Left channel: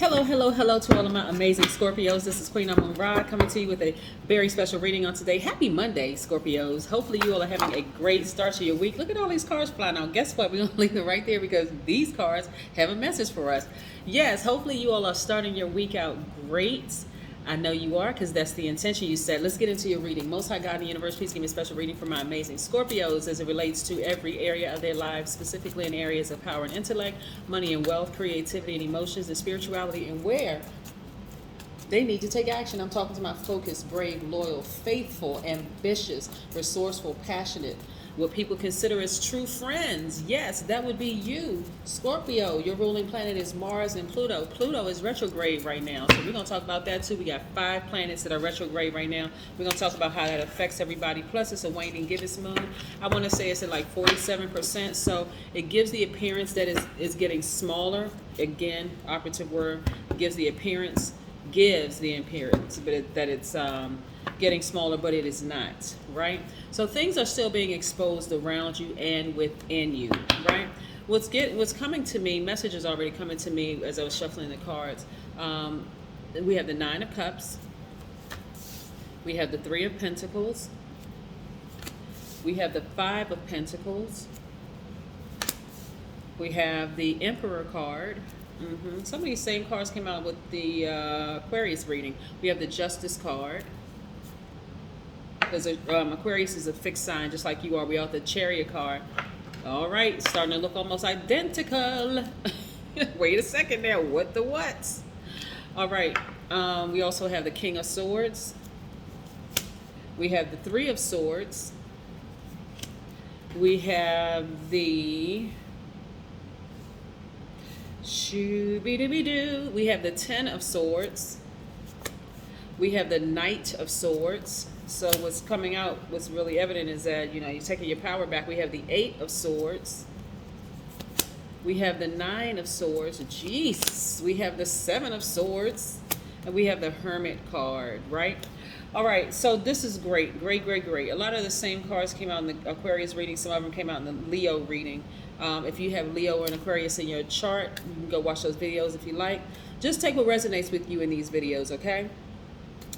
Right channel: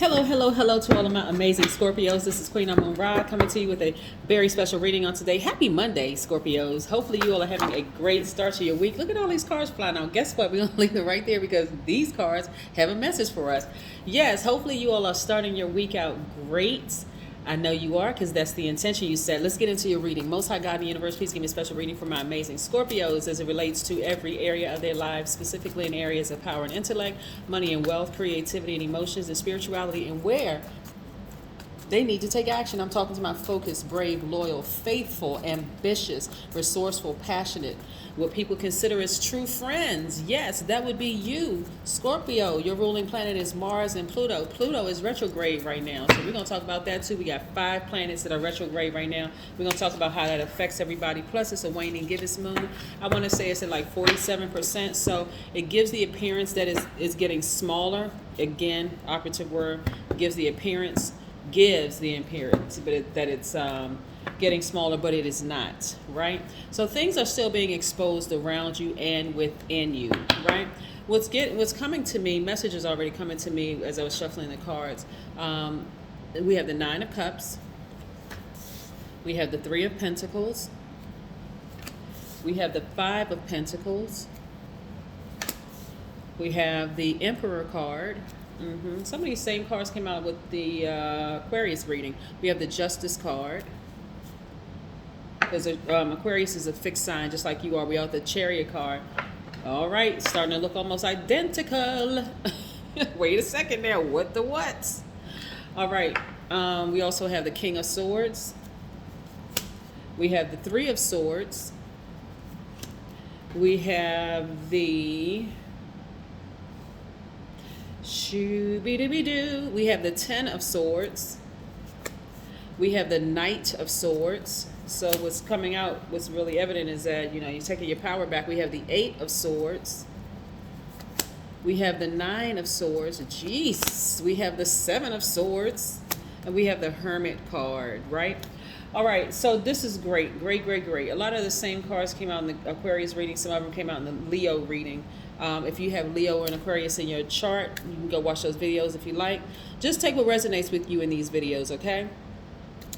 Hello, hello, hello to all of my amazing Scorpios. This is Queen Amun Ra coming to you with a very special reading on today. Happy Monday, Scorpios. Hopefully you all are having a great start to your week. Look at all these cards flying out. Guess what? We're going to leave them right there because these cards have a message for us. Yes, hopefully you all are starting your week out great. I know you are because that's the intention you set. Let's get into your reading. Most High God in the universe, please give me a special reading for my amazing Scorpios as it relates to every area of their lives, specifically in areas of power and intellect, money and wealth, creativity and emotions, and spirituality, and where they need to take action. I'm talking to my focused, brave, loyal, faithful, ambitious, resourceful, passionate, what people consider as true friends. Yes, that would be you, Scorpio. Your ruling planet is Mars and Pluto. Pluto is retrograde right now, so we're going to talk about that too. We got 5 planets that are retrograde right now. We're going to talk about how that affects everybody. Plus, it's a waning gibbous moon. I want to say it's at like 47%, so it gives the appearance that it's getting smaller. Again, operative word, gives the appearance, but that it's getting smaller, but it is not, right? So things are still being exposed around you and within you, right? What's coming to me, messages already coming to me as I was shuffling the cards. We have the 9 of Cups. We have the 3 of Pentacles. We have the 5 of Pentacles. We have the Emperor card. Some of these same cards came out with the Aquarius reading. We have the Justice card. Because Aquarius is a fixed sign, just like you are. We have the Chariot card. All right, starting to look almost identical. Wait a second there. What the what? All right. We also have the King of Swords. We have the 3 of Swords. We have the we have the 10 of Swords. We have the Knight of Swords. So what's coming out, what's really evident is that, you're taking your power back. We have the 8 of Swords. We have the 9 of Swords. Jeez. We have the 7 of Swords. And we have the Hermit card, right? All right, so this is great. Great. A lot of the same cards came out in the Aquarius reading. Some of them came out in the Leo reading. If you have Leo or an Aquarius in your chart, you can go watch those videos if you like. Just take what resonates with you in these videos, okay?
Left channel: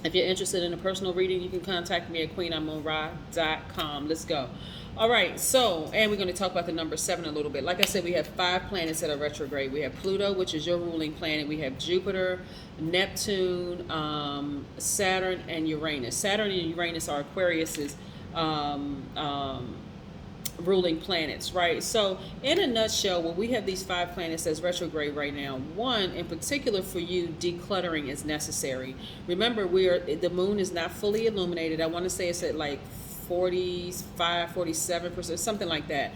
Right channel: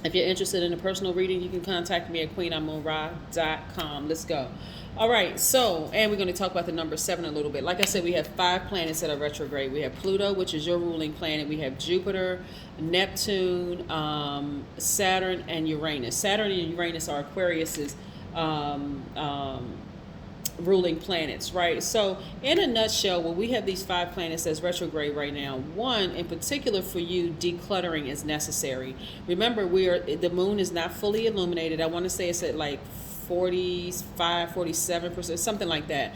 If you're interested in a personal reading, you can contact me at queenamunra.com. Let's go. All right, so, and we're going to talk about the number 7 a little bit. Like I said, we have 5 planets that are retrograde. We have Pluto, which is your ruling planet. We have Jupiter, Neptune, Saturn, and Uranus. Saturn and Uranus are Aquarius's ruling planets, right? So in a nutshell, when we have these 5 planets that's retrograde right now, one in particular for you, decluttering is necessary. Remember, the moon is not fully illuminated. I want to say it's at like 45, 47%, something like that.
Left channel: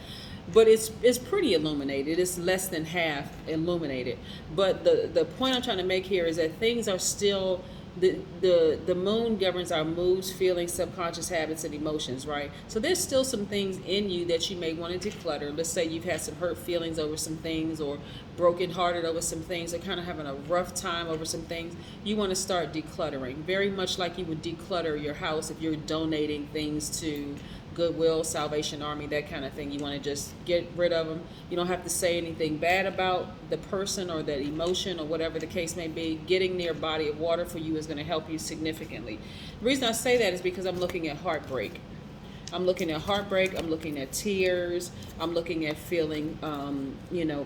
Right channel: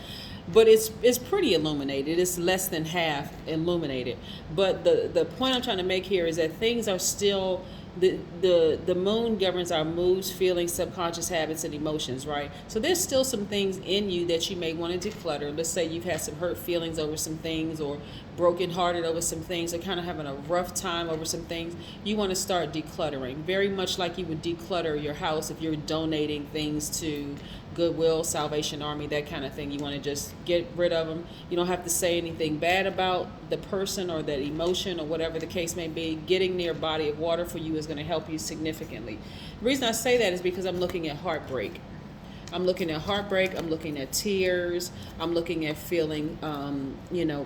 But it's pretty illuminated. It's less than half illuminated. But the point I'm trying to make here is that things are still, the moon governs our moods, feelings, subconscious habits, and emotions, right? So there's still some things in you that you may want to declutter. Let's say you've had some hurt feelings over some things, or brokenhearted over some things, or kind of having a rough time over some things. You want to start decluttering, very much like you would declutter your house if you're donating things to Goodwill, Salvation Army, that kind of thing. You want to just get rid of them. You don't have to say anything bad about the person or that emotion or whatever the case may be. Getting near a body of water for you is going to help you significantly. The reason I say that is because I'm looking at heartbreak. I'm looking at heartbreak. I'm looking at tears. I'm looking at feeling,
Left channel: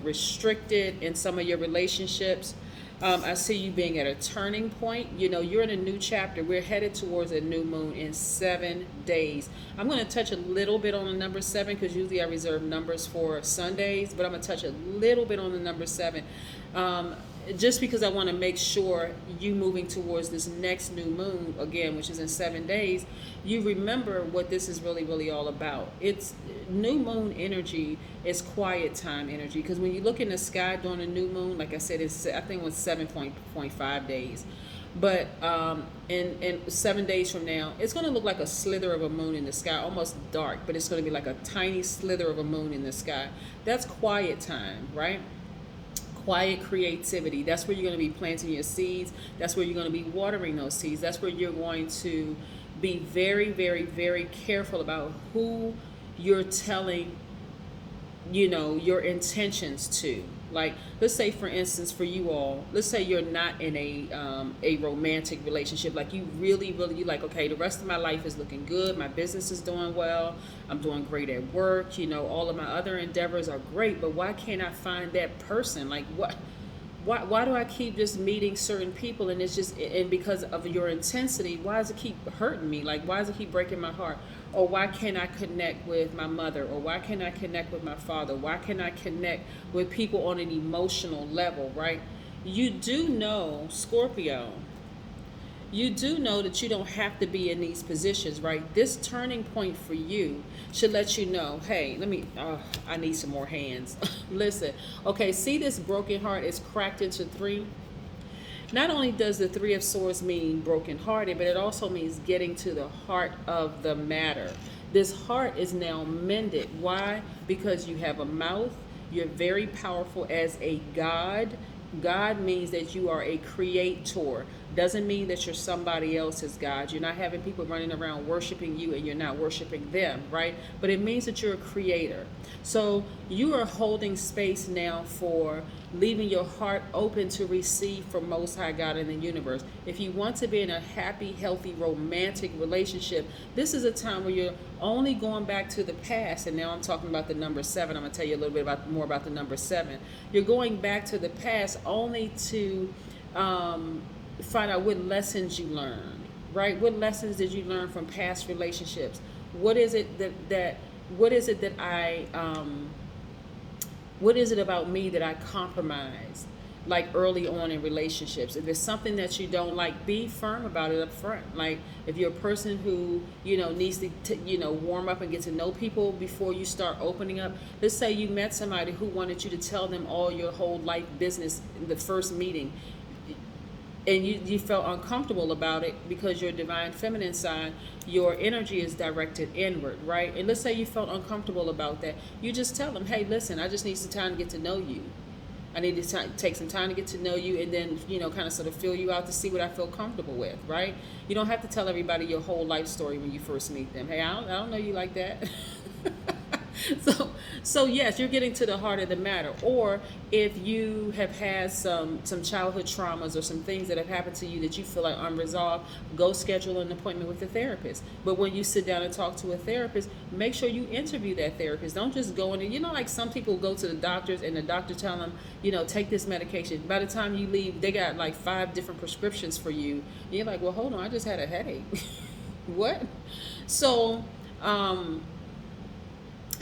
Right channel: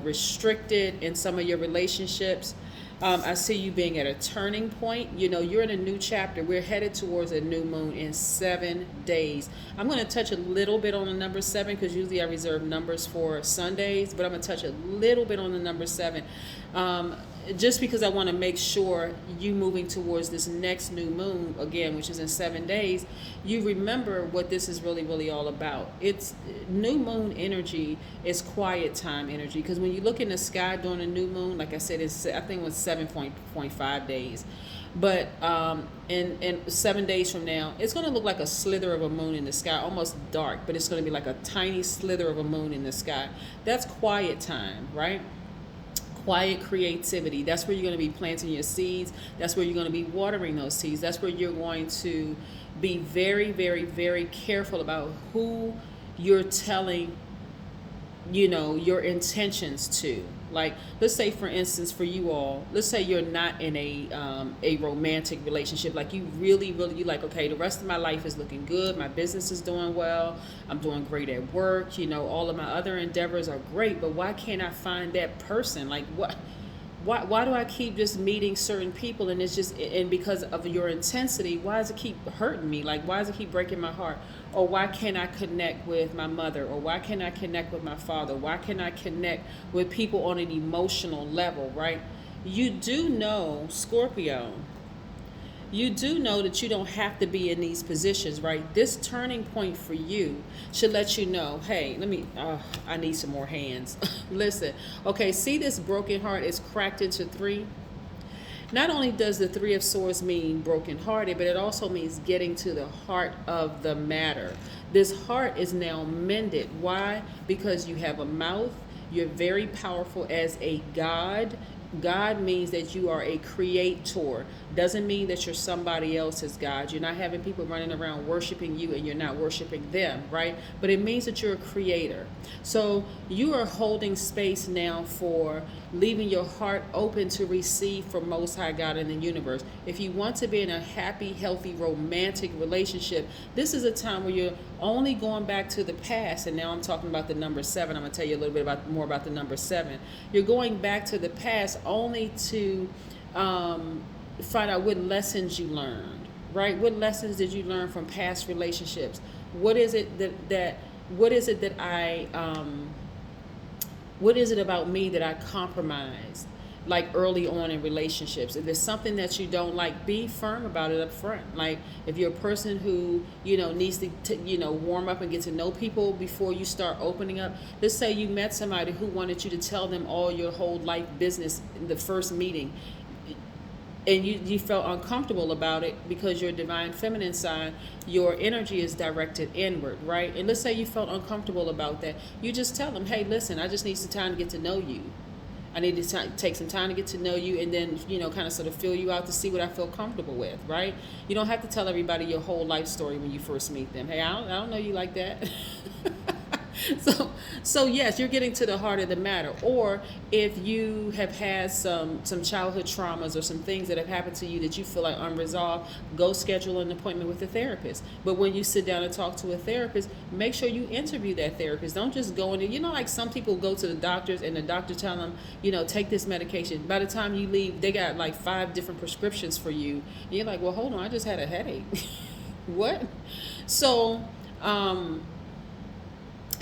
restricted in some of your relationships. I see you being at a turning point. You're in a new chapter. We're headed towards a new moon in 7 days. I'm going to touch a little bit on the number 7 because usually I reserve numbers for Sundays, but I'm going to touch a little bit on the number 7. Just because I want to make sure you moving towards this next new moon, again, which is in 7 days, you remember what this is really, really all about. It's new moon energy is quiet time energy, because when you look in the sky during a new moon, like I said, I think it was 7.5 days. But in 7 days from now, it's going to look like a slither of a moon in the sky, almost dark, but it's going to be like a tiny slither of a moon in the sky. That's quiet time, right? Quiet creativity. That's where you're going to be planting your seeds. That's where you're going to be watering those seeds. That's where you're going to be very, very, very careful about who you're telling, your intentions to. Like, let's say, for instance, for you all, let's say you're not in a romantic relationship. Like, you really, really, you like, okay, the rest of my life is looking good. My business is doing well. I'm doing great at work. You know, all of my other endeavors are great. But why can't I find that person? Like, what? Why do I keep just meeting certain people, and it's just, and because of your intensity, why does it keep hurting me? Like, why does it keep breaking my heart? Or why can't I connect with my mother? Or why can't I connect with my father? Why can't I connect with people on an emotional level, right? You do know, Scorpio, you do know that you don't have to be in these positions, right? This turning point for you should let you know, hey, I need some more hands. Listen, okay, see, this broken heart is cracked into three. Not only does the Three of Swords mean brokenhearted, but it also means getting to the heart of the matter. This heart is now mended. Why? Because you have a mouth. You're very powerful as a god. God means that you are a creator. Doesn't mean that you're somebody else's God. You're not having people running around worshiping you and you're not worshiping them, right? But it means that you're a creator. So you are holding space now for leaving your heart open to receive from Most High God in the universe. If you want to be in a happy, healthy, romantic relationship, this is a time where you're only going back to the past. And now I'm talking about the number 7. I'm going to tell you a little bit more about the number 7. You're going back to the past only to find out what lessons you learned, right? What lessons did you learn from past relationships? What is it what is it about me that I compromised, like early on in relationships? If there's something that you don't like, be firm about it up front. Like, if you're a person who, needs to warm up and get to know people before you start opening up. Let's say you met somebody who wanted you to tell them all your whole life business in the first meeting, and you felt uncomfortable about it because your divine feminine sign, your energy is directed inward, right? And let's say you felt uncomfortable about that. You just tell them, hey, listen, I just need some time to get to know you. I need to take some time to get to know you, and then, kind of sort of fill you out to see what I feel comfortable with, right? You don't have to tell everybody your whole life story when you first meet them. Hey, I don't know you like that. So yes, you're getting to the heart of the matter. Or if you have had some childhood traumas or some things that have happened to you that you feel like unresolved, go schedule an appointment with a therapist. But when you sit down and talk to a therapist, make sure you interview that therapist. Don't just go in there. Like some people go to the doctors and the doctor tell them, take this medication. By the time you leave, they got like 5 different prescriptions for you. And you're like, well, hold on, I just had a headache. What? So,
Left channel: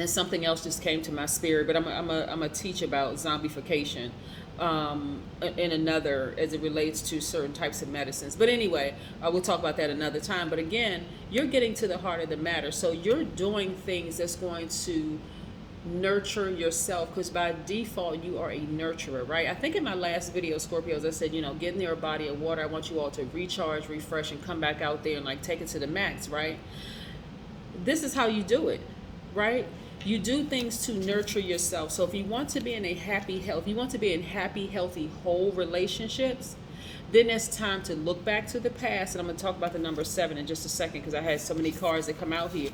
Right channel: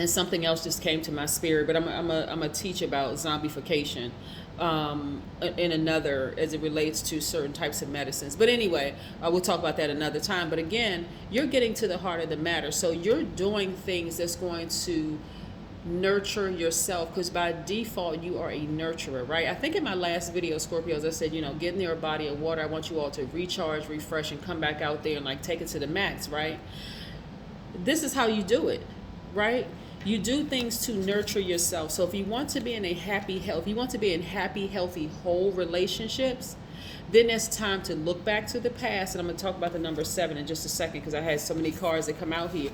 and something else just came to my spirit, but I'm a teach about zombification in another, as it relates to certain types of medicines. But anyway, we'll talk about that another time. But again, you're getting to the heart of the matter. So you're doing things that's going to nurture yourself, because by default you are a nurturer, right? I think in my last video, Scorpios, I said, get near a body of water. I want you all to recharge, refresh, and come back out there and like take it to the max, right? This is how you do it, right? You do things to nurture yourself. So if you want to be in a happy, healthy, whole relationships, then it's time to look back to the past. And I'm going to talk about the number 7 in just a second, because I had so many cards that come out here.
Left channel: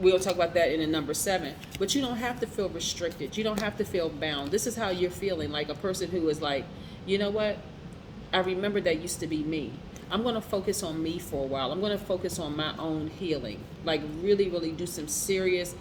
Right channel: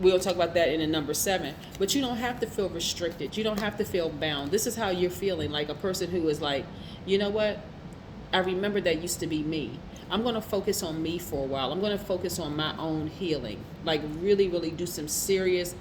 We'll talk about that in the number 7. But you don't have to feel restricted. You don't have to feel bound. This is how you're feeling, like a person who is like, you know what? I remember that used to be me. I'm going to focus on me for a while. I'm going to focus on my own healing. Like really, really do some serious,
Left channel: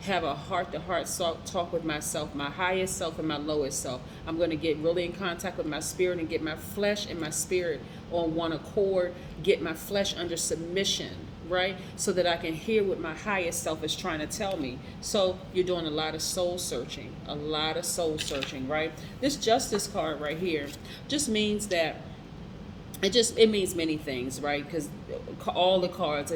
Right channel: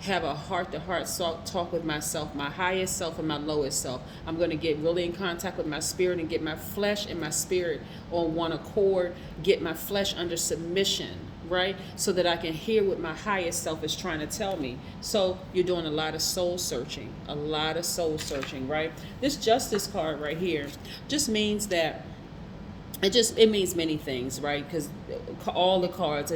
have a heart-to-heart talk with myself, my highest self and my lowest self. I'm going to get really in contact with my spirit and get my flesh and my spirit on one accord, get my flesh under submission, right? So that I can hear what my highest self is trying to tell me. So you're doing a lot of soul searching, right? This Justice card right here just means that it means many things, right? Because all the cards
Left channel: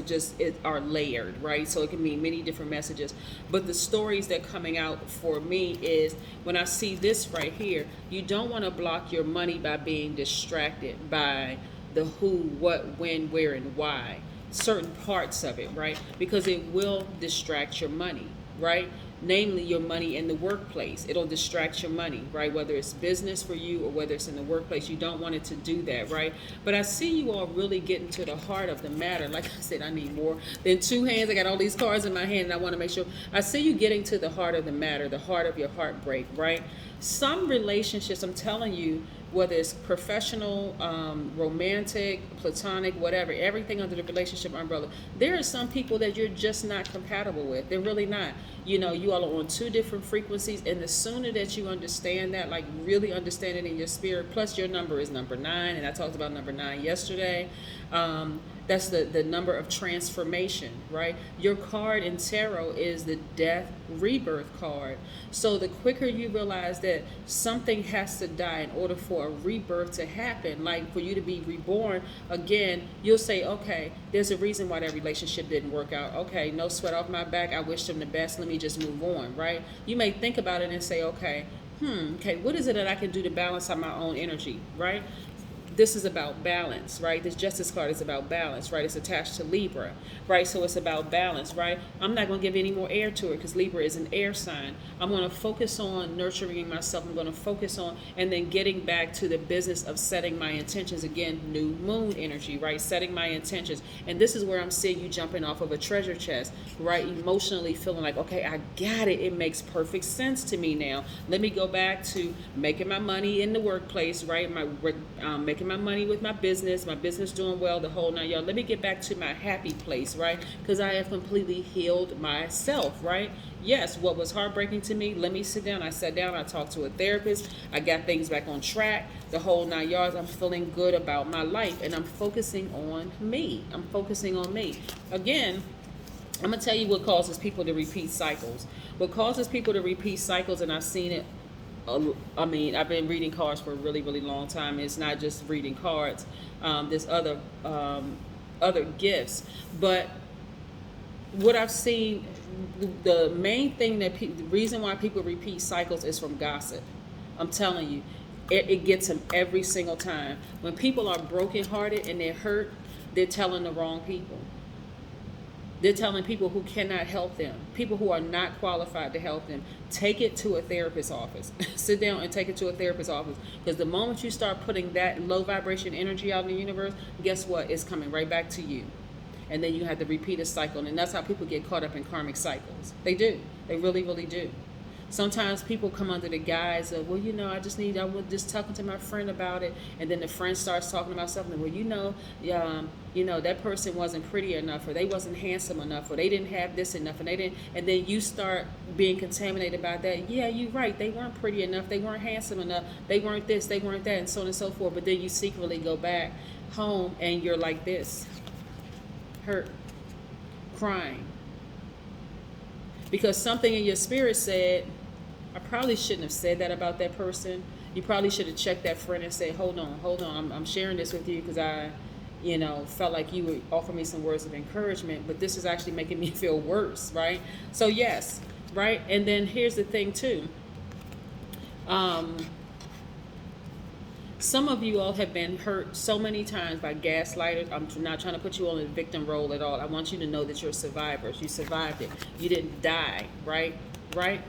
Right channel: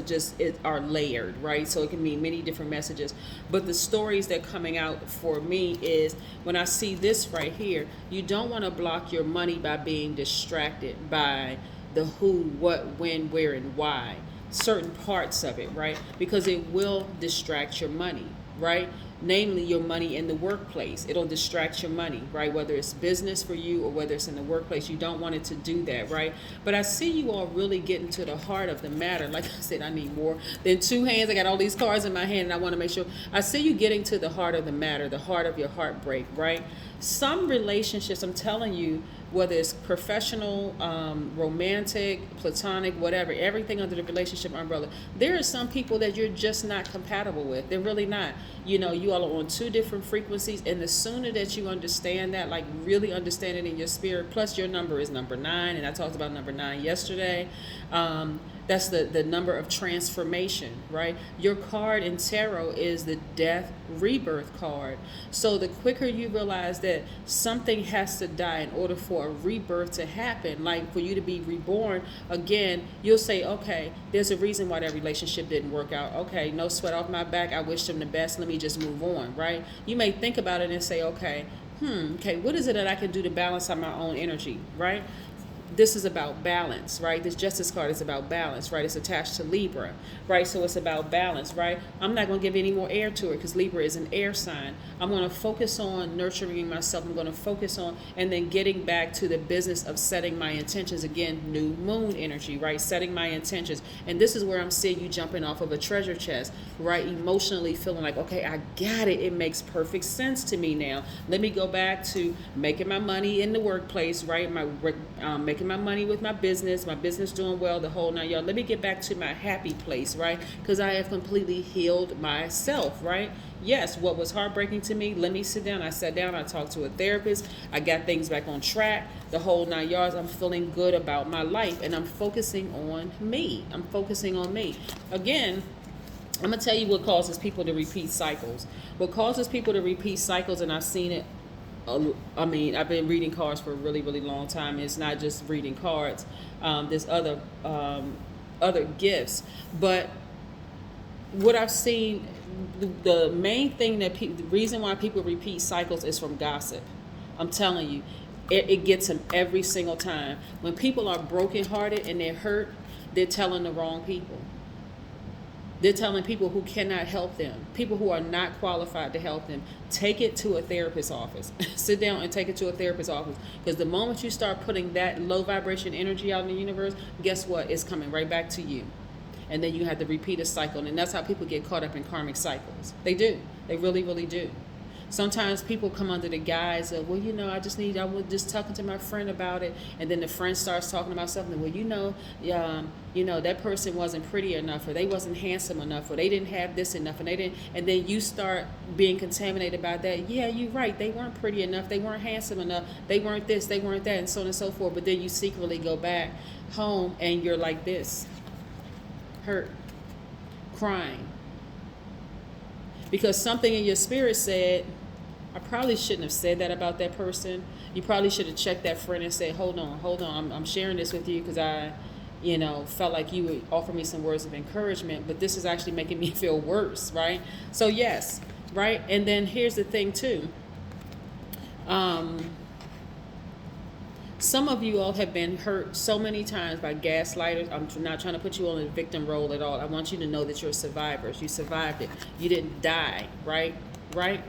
are layered, right? So it can mean many different messages. But the stories that coming out for me is when I see this right here, you don't want to block your money by being distracted by the who, what, when, where, and why. Certain parts of it, right? Because it will distract your money, right? namely your money in the workplace. It'll distract your money, right? Whether it's business for you or whether it's in the workplace, you don't want it to do that, right? But I see you all really getting to the heart of the matter. Like I said, I need more than two hands. I got all these cards in my hand, and I want to make sure I see you getting to the heart of the matter, the heart of your heartbreak, right? Some relationships, I'm telling you, whether it's professional, romantic, platonic, whatever, everything under the relationship umbrella, there are some people that you're just not compatible with. They're really not. You know, you all are on two different frequencies, and the sooner that you understand that, like really understand it in your spirit, plus your number is number 9, and I talked about number 9 yesterday. That's the number of transformation, right? Your card in tarot is the death rebirth card. So the quicker you realize that something has to die in order for a rebirth to happen, like for you to be reborn again, you'll say, okay, there's a reason why that relationship didn't work out. Okay, no sweat off my back. I wish them the best. Let me just move on, right? You may think about it and say, okay, what is it that I can do to balance out my own energy, right? This is about balance, right? This Justice card is about balance, right? It's attached to Libra, right? So it's about balance, right? I'm not going to give any more air to it because Libra is an air sign. I'm going to focus on nurturing myself. I'm going to focus on and then getting back to the business of setting my intentions. Again, new moon energy, right? Setting my intentions. And this is where I'm seeing you jumping off of a treasure chest, right? Emotionally feeling like, okay, I got it. It makes perfect sense to me now. Let me go back to making my money in the workplace, right? Making my money with my business doing well, the whole 9 yards. Let me get back to my happy place, right? Because I have completely healed myself, right? Yes, what was heartbreaking to me, let me sit down. I sat down, I talked to a therapist, I got things back on track, the whole 9 yards. I'm feeling good about my life, and I'm focusing on me. I'm focusing on me. Again, I'm going to tell you what causes people to repeat cycles. What causes people to repeat cycles, and I've seen it, I mean, I've been reading cards for a really, really long time. It's not just reading cards. There's other gifts. But what I've seen, the main thing that the reason why people repeat cycles is from gossip. I'm telling you, it gets them every single time. When people are brokenhearted and they're hurt, they're telling the wrong people. They're telling people who cannot help them, people who are not qualified to help them. Take it to a therapist's office. Sit down and take it to a therapist's office. Because the moment you start putting that low vibration energy out in the universe, guess what? It's coming right back to you. And then you have to repeat a cycle. And that's how people get caught up in karmic cycles. They do. They really, really do. Sometimes people come under the guise of, well, you know, I was just talking to my friend about it. And then the friend starts talking about something. Well, that person wasn't pretty enough, or they wasn't handsome enough, or they didn't have this enough, and and then you start being contaminated about that. Yeah, you're right. They weren't pretty enough. They weren't handsome enough. They weren't this, they weren't that, and so on and so forth. But then you secretly go back home and you're like this, hurt, crying. Because something in your spirit said, I probably shouldn't have said that about that person. You probably should have checked that friend and said, hold on. I'm sharing this with you because I, felt like you would offer me some words of encouragement, but this is actually making me feel worse, right? So yes, right? And then here's the thing too. Some of you all have been hurt so many times by gaslighters. I'm not trying to put you on the victim role at all. I want you to know that you're survivors. You survived it. You didn't die, right? Right?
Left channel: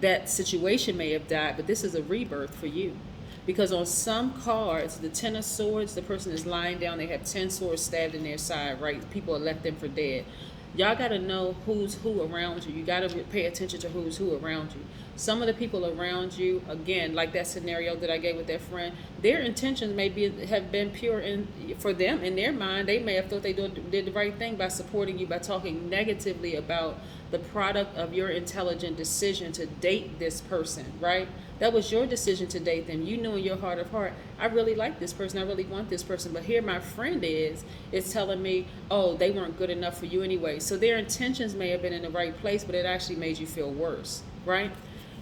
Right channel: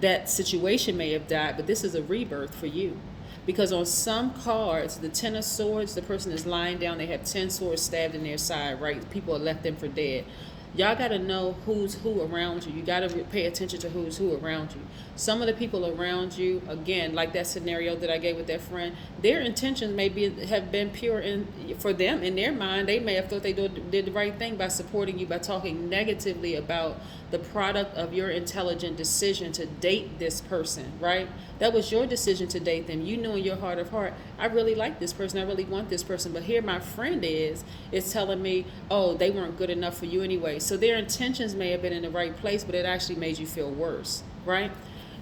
That situation may have died, but this is a rebirth for you. Because on some cards, the 10 of swords, the person is lying down, they have 10 swords stabbed in their side, right? People have left them for dead. Y'all got to know who's who around you. You got to pay attention to who's who around you. Some of the people around you, again, like that scenario that I gave with that friend, their intentions may have been pure for them. In their mind, they may have thought they did the right thing by supporting you, by talking negatively about the product of your intelligent decision to date this person, right? That was your decision to date them. You knew in your heart of heart, I really like this person. I really want this person. But here my friend is telling me, oh, they weren't good enough for you anyway. So their intentions may have been in the right place, but it actually made you feel worse, right?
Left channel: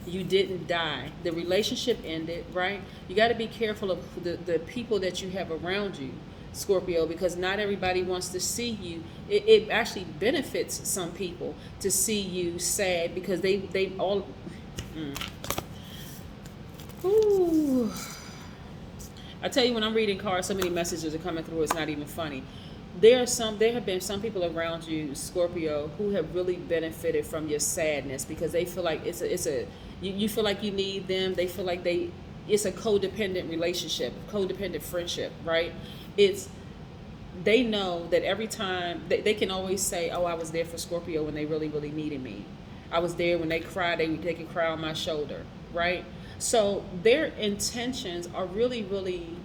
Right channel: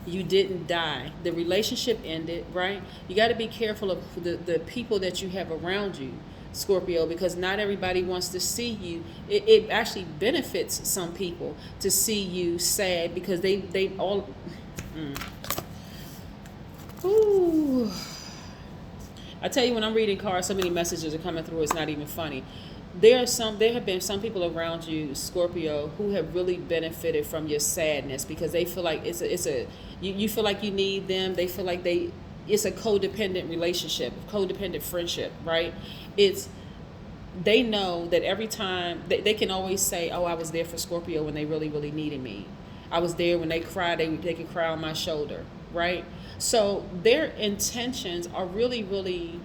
You didn't die. The relationship ended, right? You got to be careful of the people that you have around you, Scorpio, because not everybody wants to see you. It actually benefits some people to see you sad because they all... Ooh. I tell you, when I'm reading cards, so many messages are coming through, it's not even funny. there have been some people around you, Scorpio, who have really benefited from your sadness because they feel like you feel like you need them. They feel like it's a codependent relationship, codependent friendship, right? They know that every time they can always say, oh, I was there for Scorpio when they really, really needed me. I was there when they cried, they could cry on my shoulder, right? So their intentions are really, really,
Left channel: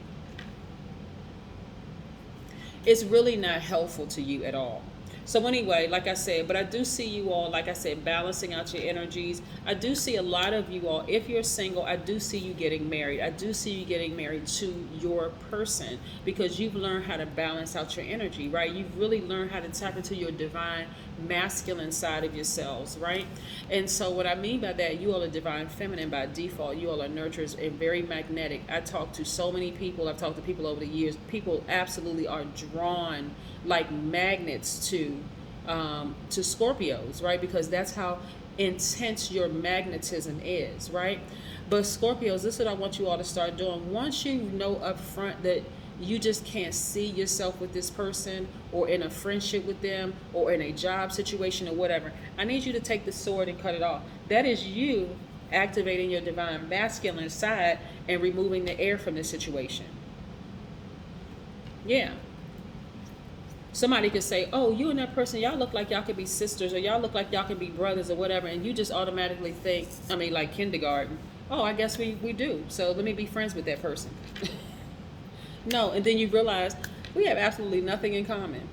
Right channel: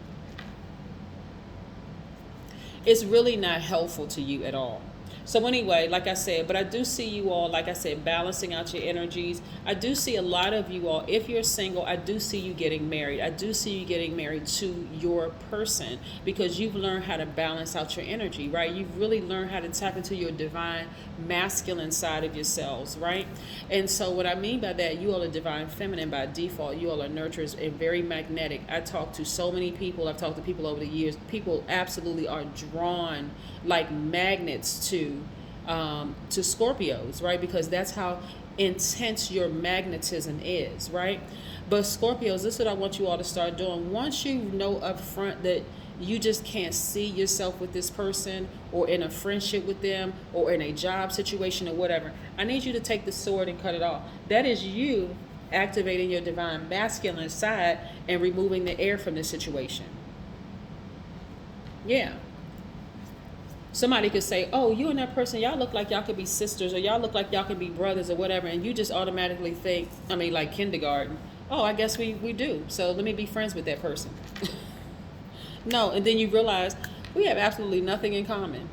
it's really not helpful to you at all. So anyway, like I said, but I do see you all, like I said, balancing out your energies. I do see a lot of you all, if you're single, I do see you getting married. I do see you getting married to your person because you've learned how to balance out your energy, right? You've really learned how to tap into your divine masculine side of yourselves, right? And so what I mean by that, you all are divine feminine by default. You all are nurturers and very magnetic. I talk to so many people. I've talked to people over the years. People absolutely are drawn like magnets to Scorpios, right? Because that's how intense your magnetism is, right? But Scorpios, this is what I want you all to start doing. Once you know up front that you just can't see yourself with this person or in a friendship with them or in a job situation or whatever, I need you to take the sword and cut it off. That is you activating your divine masculine side and removing the air from the situation. Yeah. Somebody could say, oh, you and that person, y'all look like y'all could be sisters or y'all look like y'all could be brothers or whatever. And you just automatically think, like kindergarten, oh, I guess we do. So let me be friends with that person. No, and then you realize we have absolutely nothing in common.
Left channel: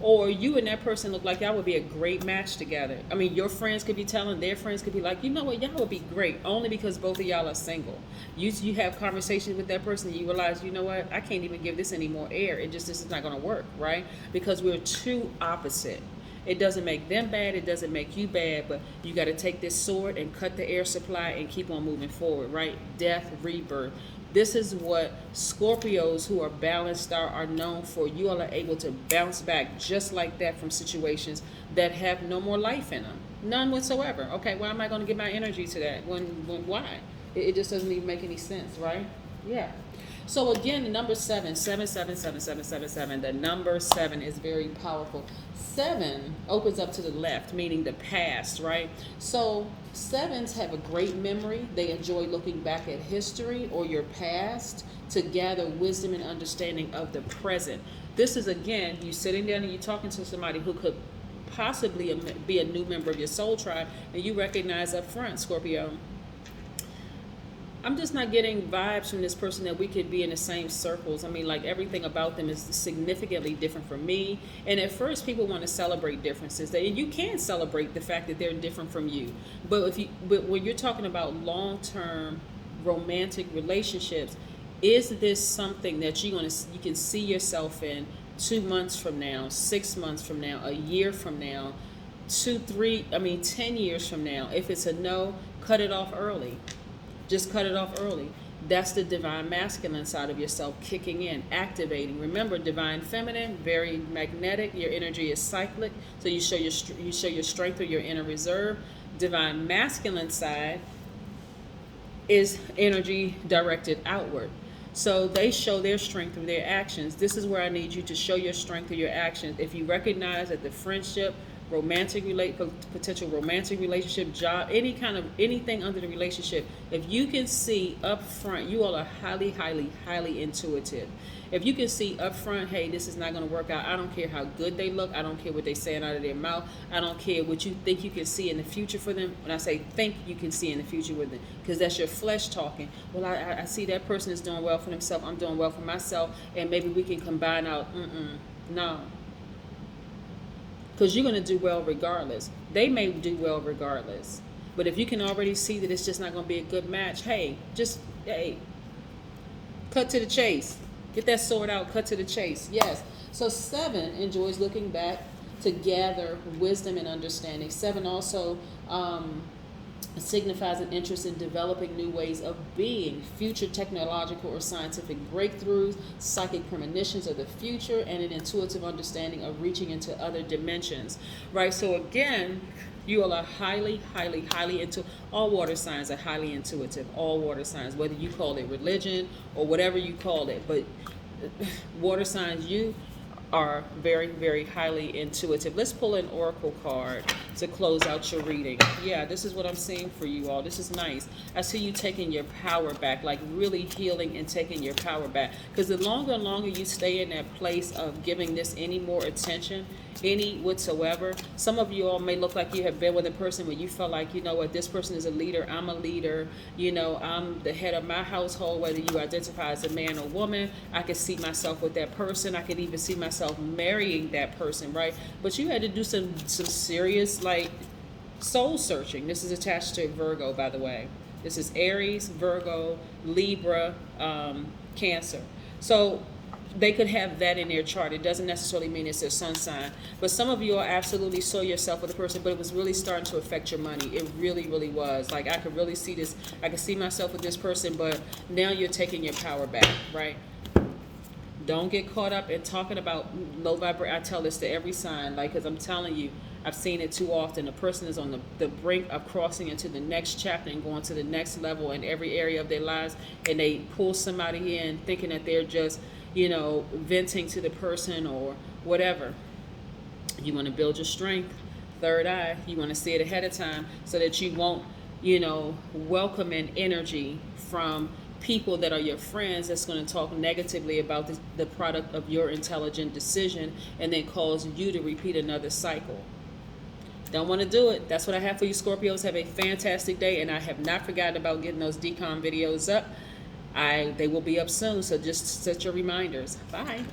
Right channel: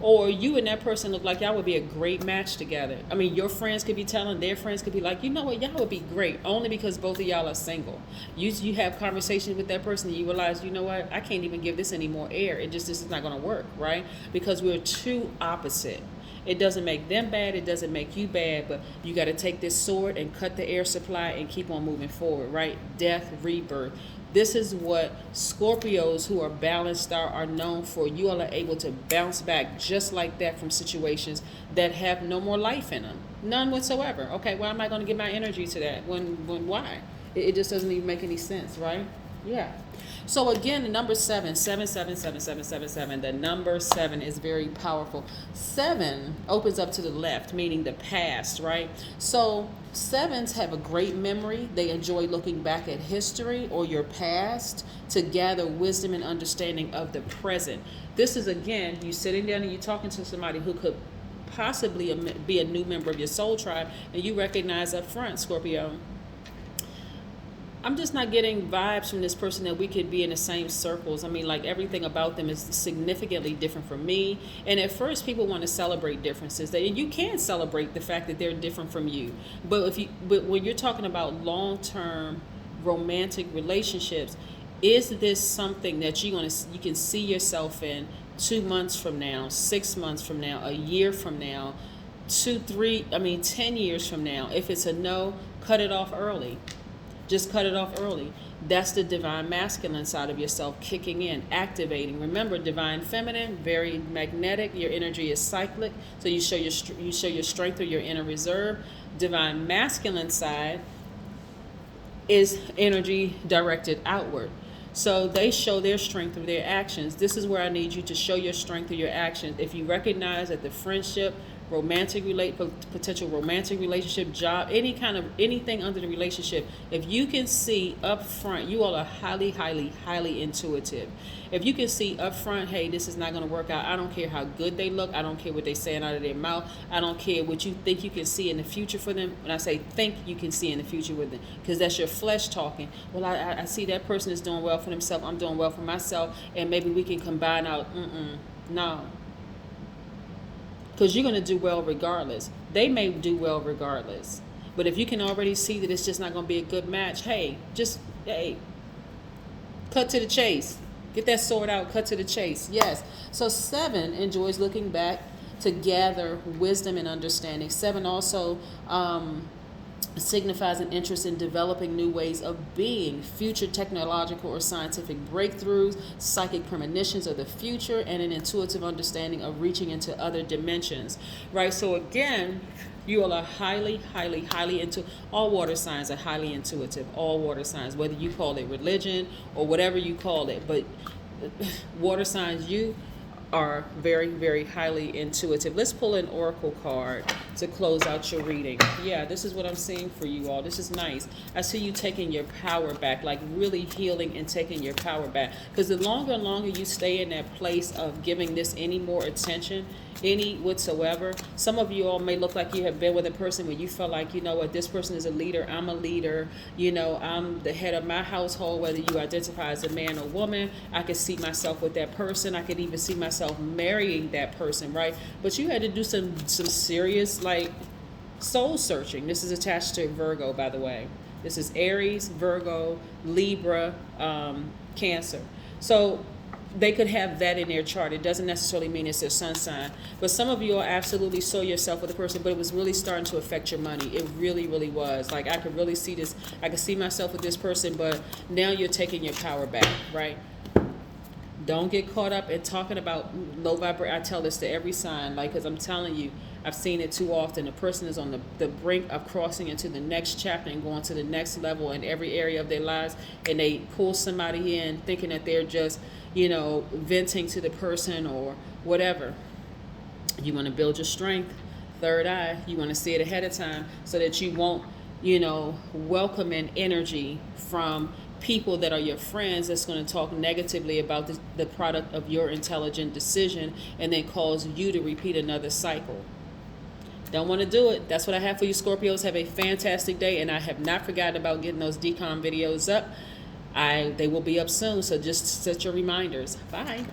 Or you and that person look like y'all would be a great match together. Your friends could be telling their friends could be like, you know what, y'all would be great only because both of y'all are single. You have conversations with that person and you realize, you know what, I can't even give this any more air. This is not going to work, right? Because we're too opposite. It doesn't make them bad. It doesn't make you bad. But you got to take this sword and cut the air supply and keep on moving forward, right? Death, rebirth. This is what Scorpios who are balanced are known for. You all are able to bounce back just like that from situations that have no more life in them. None whatsoever. Okay, why am I going to give my energy to that? Why? It just doesn't even make any sense, right? Yeah. So again, the number 7, 7, 7, 7, 7, 7, 7. The number 7 is very powerful. 7 opens up to the left, meaning the past, right? So 7s have a great memory. They enjoy looking back at history or your past to gather wisdom and understanding of the present. This is, again, you sitting down and you're talking to somebody who could possibly be a new member of your soul tribe, and you recognize up front, Scorpio, I'm just not getting vibes from this person that we could be in the same circles. like everything about them is significantly different from me. And at first people want to celebrate differences. And you can celebrate the fact that they're different from you. But when you're talking about long-term romantic relationships, is this something that you can see yourself in 2 months from now, 6 months from now, a year from now, 10 years from now? If it's a no, cut it off early. Just cut it off early. That's the divine masculine side of yourself kicking in, activating. Remember, divine feminine, very magnetic. Your energy is cyclic, so you show your strength or your inner reserve. Divine masculine side is energy directed outward. So they show their strength through their actions. This is where I need you to show your strength through your actions. If you recognize that the friendship, potential romantic relationship, job, anything under the relationship, if you can see up front, you all are highly, highly, highly intuitive. If you can see up front, hey, this is not going to work out. I don't care how good they look. I don't care what they're saying out of their mouth. I don't care what you think you can see in the future for them. And I say think you can see in the future with them, because that's your flesh talking. Well, I see that person is doing well for themselves. I'm doing well for myself, and maybe we can combine out. No. Because you're going to do well regardless. They may do well regardless. But if you can already see that it's just not going to be a good match, cut to the chase. Get that sword out, cut to the chase. Yes. So 7 enjoys looking back to gather wisdom and understanding. 7 also signifies an interest in developing new ways of being, future technological or scientific breakthroughs, psychic premonitions of the future, and an intuitive understanding of reaching into other dimensions, right? So again, you all are highly, highly, highly all water signs are highly intuitive, all water signs, whether you call it religion or whatever you call it, but water signs, you are very, very highly intuitive. Let's pull an oracle card to close out your reading. Yeah, this is what I'm seeing for you all. This is nice. I see you taking your power back, like really healing and taking your power back. Because the longer and longer you stay in that place of giving this any more attention, any whatsoever, some of you all may look like you have been with a person where you felt like, you know what, this person is a leader, I'm a leader, you know, I'm the head of my household, whether you identify as a man or woman. I could see myself with that person. I could even see myself marrying that person, right? But you had to do some serious, like, soul searching. This is attached to Virgo, by the way. This is Aries, Virgo, Libra, Cancer. So they could have that in their chart. It doesn't necessarily mean it's their sun sign. But some of you absolutely saw yourself with a person, but it was really starting to affect your money. It really, really was. Like, I could really see this. I could see myself with this person, but now you're taking your power back, right? Don't get caught up in talking about low vibration. I tell this to every sign, like, because I'm telling you, I've seen it too often. The person is on the brink of crossing into the next chapter and going to the next level in every area of their lives, and they pull somebody in thinking that they're just, you know, venting to the person or whatever. You want to build your strength, third eye. You want to see it ahead of time so that you won't, you know, welcome in energy from people that are your friends that's going to talk negatively about the product of your intelligent decision and then cause you to repeat another cycle. Don't want to do it. That's what I have for you, Scorpios. Have a fantastic day, and I have not forgotten about getting those decom videos up. They will be up soon, so just set your reminders. Bye.